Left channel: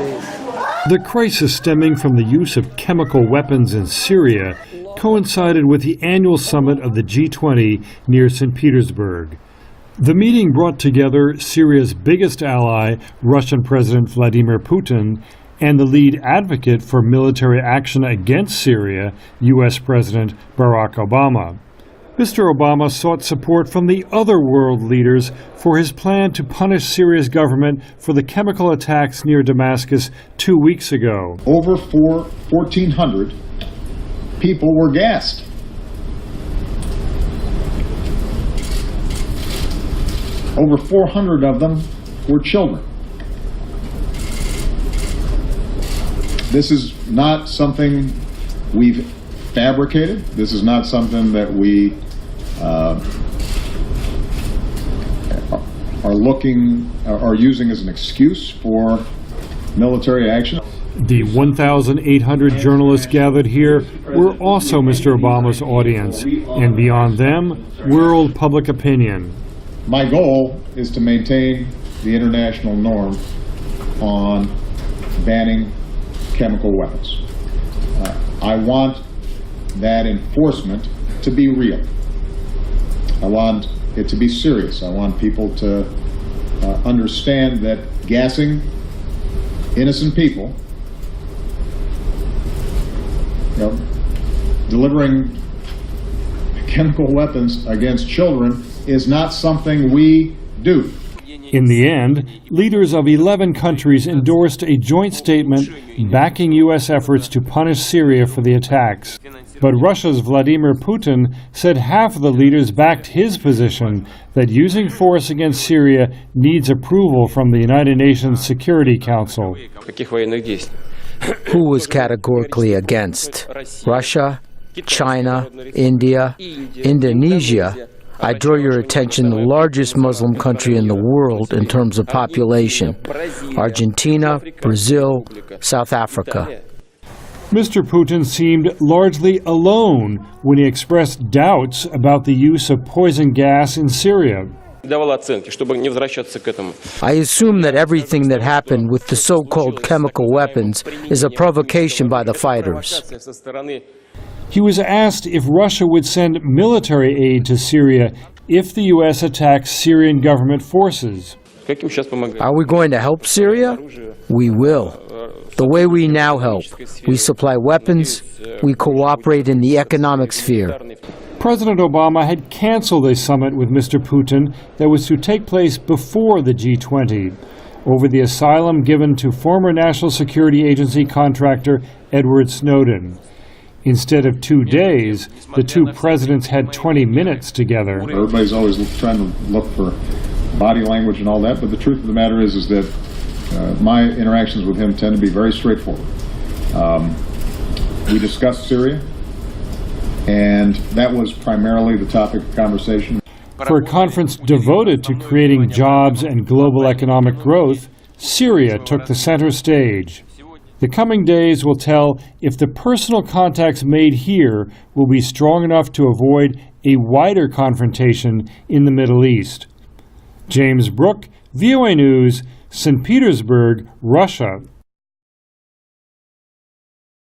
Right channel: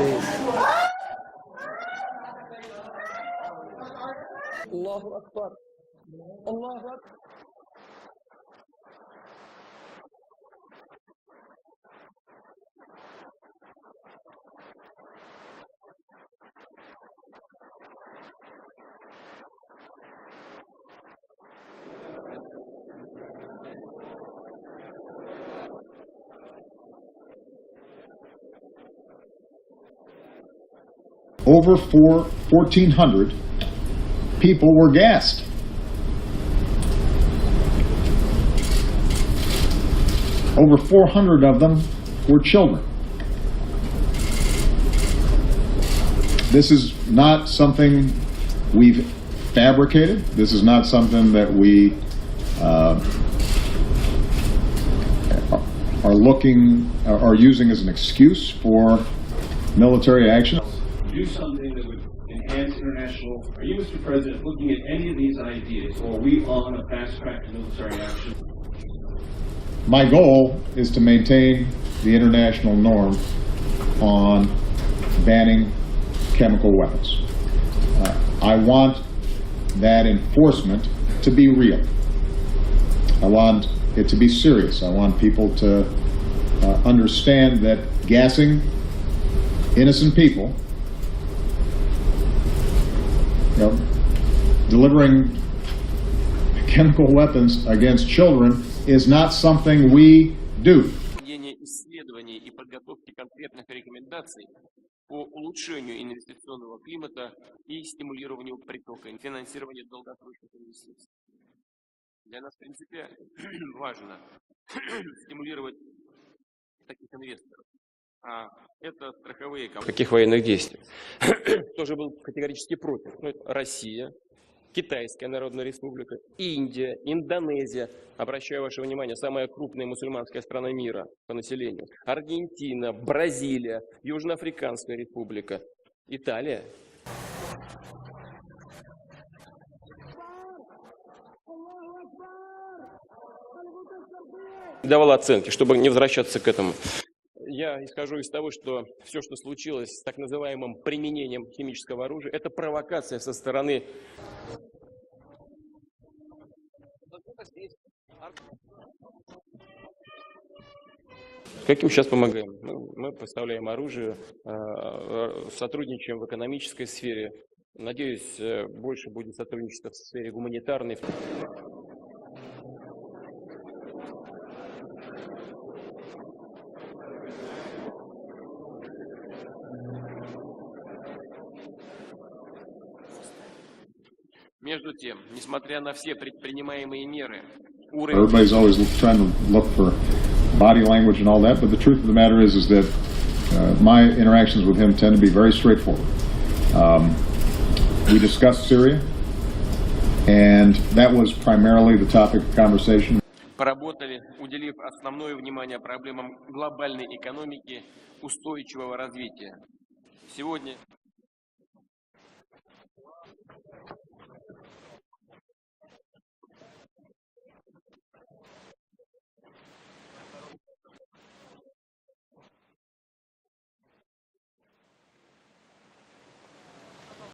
The crisis stemming from the use of chemical weapons in Syria coincided with the annual summit of the G20 near St. Petersburg. The meeting brought together Syria's biggest ally, Russian President Vladimir Putin, and the lead advocate for military action against Syria, U.S. President Barack Obama. Mr. Obama sought support from the other world leaders for his plan to punish Syria's government for the chemical attacks near Damascus 2 weeks ago. Over 1,400 people were gassed. Over 400 of them were children. This is not something we've fabricated. This is not something that we are using as an excuse for military action. The 1,800 journalists gathered here were also Mr. Obama's audience, and beyond them, world public opinion. My goal is to maintain the international norm on banning chemical weapons. I want that enforcement to be real. I want it to be serious. I want people to understand that gassing innocent people, delivering chemical weapons against children is not something we do. In the end, leaders of 11 countries endorsed a joint statement backing U.S. efforts to punish Syria for the attacks. But Russia's Vladimir Putin said half of the leaders backed his position that using force against Syria needs approval from the United Nations Security Council. Who was categorically against? Russia, China, India, Indonesia. I draw your attention to the largest Muslim country in the world in terms of population, Argentina, Brazil, South Africa. Mr. Putin seemed largely alone when he expressed doubts about the use of poison gas in Syria. I assume that everything that happened with the so-called chemical weapons is a provocation by the fighters. He was asked if Russia would send military aid to Syria if the U.S. attacks Syrian government forces. Are we going to help Syria? We will. The way we now help, we supply weapons, we cooperate in the economic sphere. President Obama had canceled a summit with Mr. Putin that was to take place before the G20 over the asylum given to former National Security Agency contractor Edward Snowden. Instead of 2 days, the two presidents had 20 minutes together. Everybody's always trying to look for body language and all that, but the truth of the matter is that my interactions with him tend to be very straightforward. We discussed Syria, and that was primarily the topic of conversation. For a conference devoted to creating jobs and global economic growth, Syria took the center stage. The coming days will tell if the personal contacts made here will be strong enough to avoid a wider confrontation in the Middle East. James Brooke, VOA News, St. Petersburg, Russia.